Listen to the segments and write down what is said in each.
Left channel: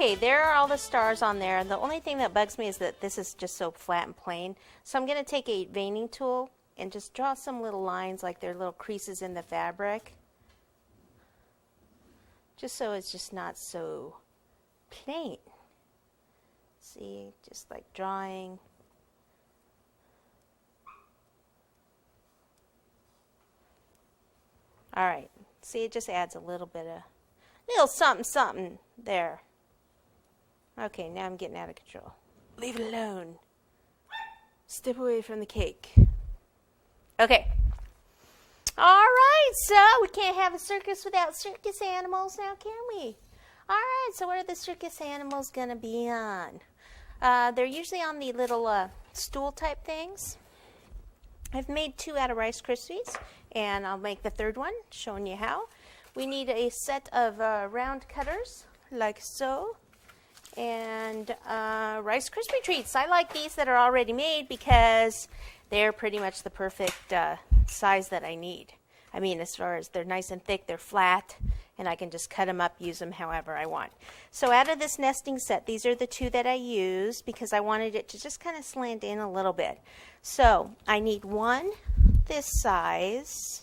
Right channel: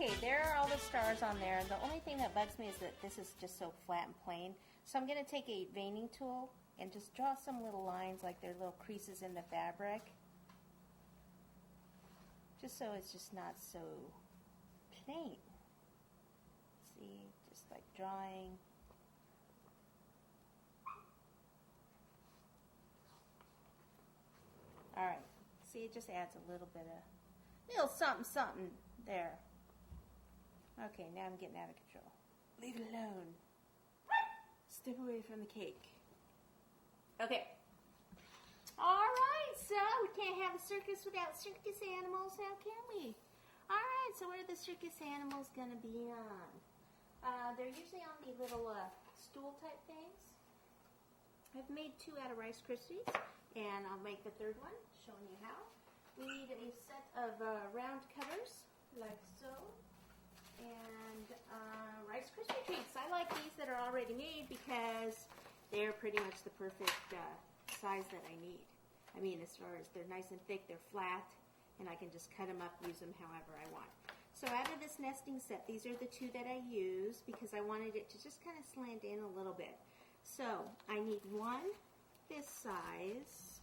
Okay, there are all the stars on there. The only thing that bugs me is that this is just so flat and plain. So I'm going to take a veining tool and just draw some little lines like they're little creases in the fabric. Just so it's just not so plain. See, just like drawing. All right, see, it just adds a little bit of, little something, something there. Okay, now I'm getting out of control. Leave it alone. Step away from the cake. Okay. All right, so we can't have a circus without circus animals now, can we? All right, so what are the circus animals going to be on? They're usually on the little stool type things. I've made 2 out of Rice Krispies, and I'll make the 3rd one, showing you how. We need a set of round cutters, like so, and Rice Krispie treats. I like these that are already made because they're pretty much the perfect size that I need. I mean, as far as they're nice and thick, they're flat, and I can just cut them up, use them however I want. So out of this nesting set, these are the 2 that I used because I wanted it to just kind of slant in a little bit. So I need one this size.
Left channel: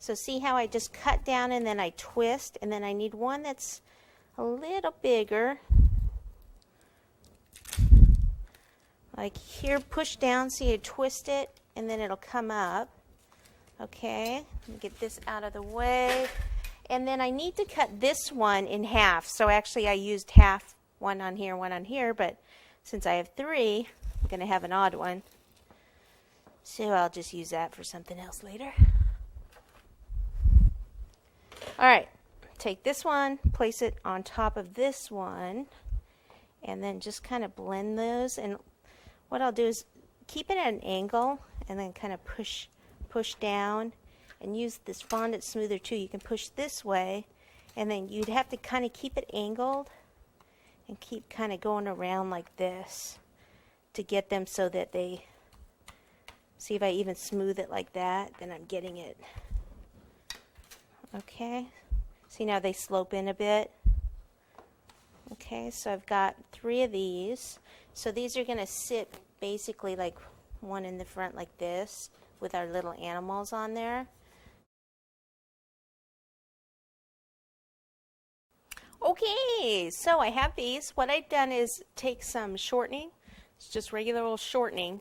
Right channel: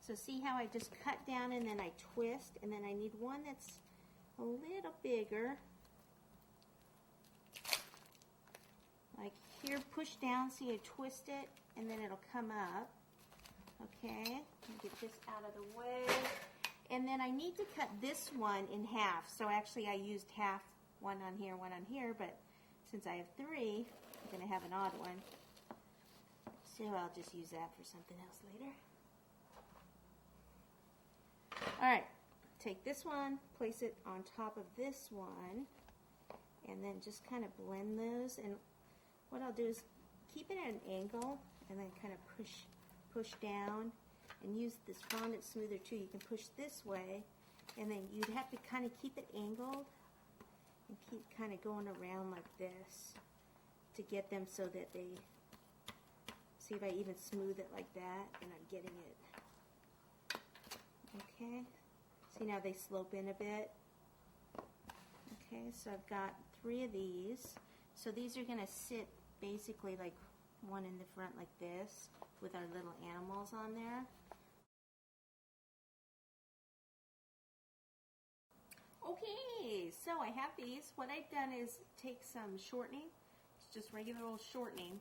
So see how I just cut down and then I twist, and then I need one that's a little bigger. Like here, push down, see, I twist it, and then it'll come up. Okay, let me get this out of the way. And then I need to cut this one in half. So actually I used half, one on here, but since I have 3, I'm going to have an odd one. So I'll just use that for something else later. All right, take this one, place it on top of this one, and then just kind of blend those. And what I'll do is keep it at an angle and then kind of push down, and use this Fondant Smoother too. You can push this way, and then you'd have to kind of keep it angled and keep kind of going around like this to get them so that they, see if I even smooth it like that, then I'm getting it. Okay, see now they slope in a bit. Okay, so I've got 3 of these. So these are going to sit basically like one in the front like this with our little animals on there. Okay, so I have these. What I've done is take some shortening, it's just regular old shortening,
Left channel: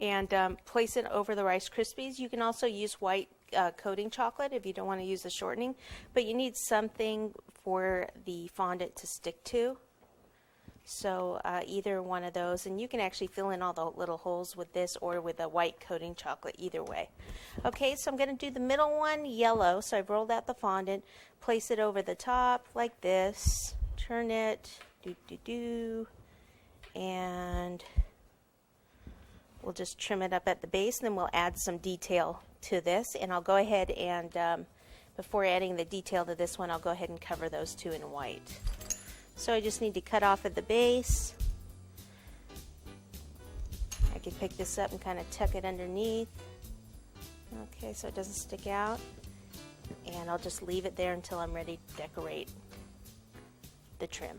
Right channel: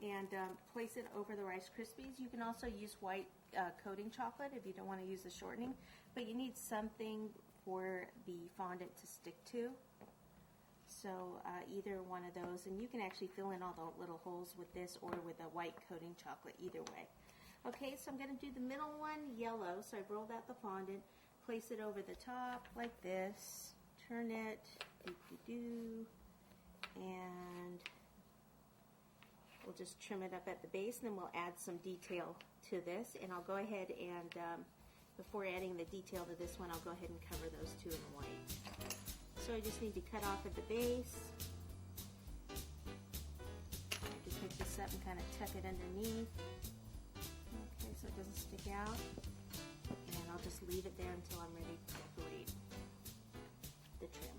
and place it over the Rice Krispies. You can also use white coating chocolate if you don't want to use the shortening, but you need something for the fondant to stick to. So either one of those, and you can actually fill in all the little holes with this or with a white coating chocolate, either way. Okay, so I'm going to do the middle one yellow. So I've rolled out the fondant, place it over the top like this, turn it, and we'll just trim it up at the base, and then we'll add some detail to this. And I'll go ahead and, before adding the detail to this one, I'll go ahead and cover those 2 in white. So I just need to cut off at the base. I can pick this up and kind of tuck it underneath. Okay, so it doesn't stick out. And I'll just leave it there until I'm ready to decorate the trim.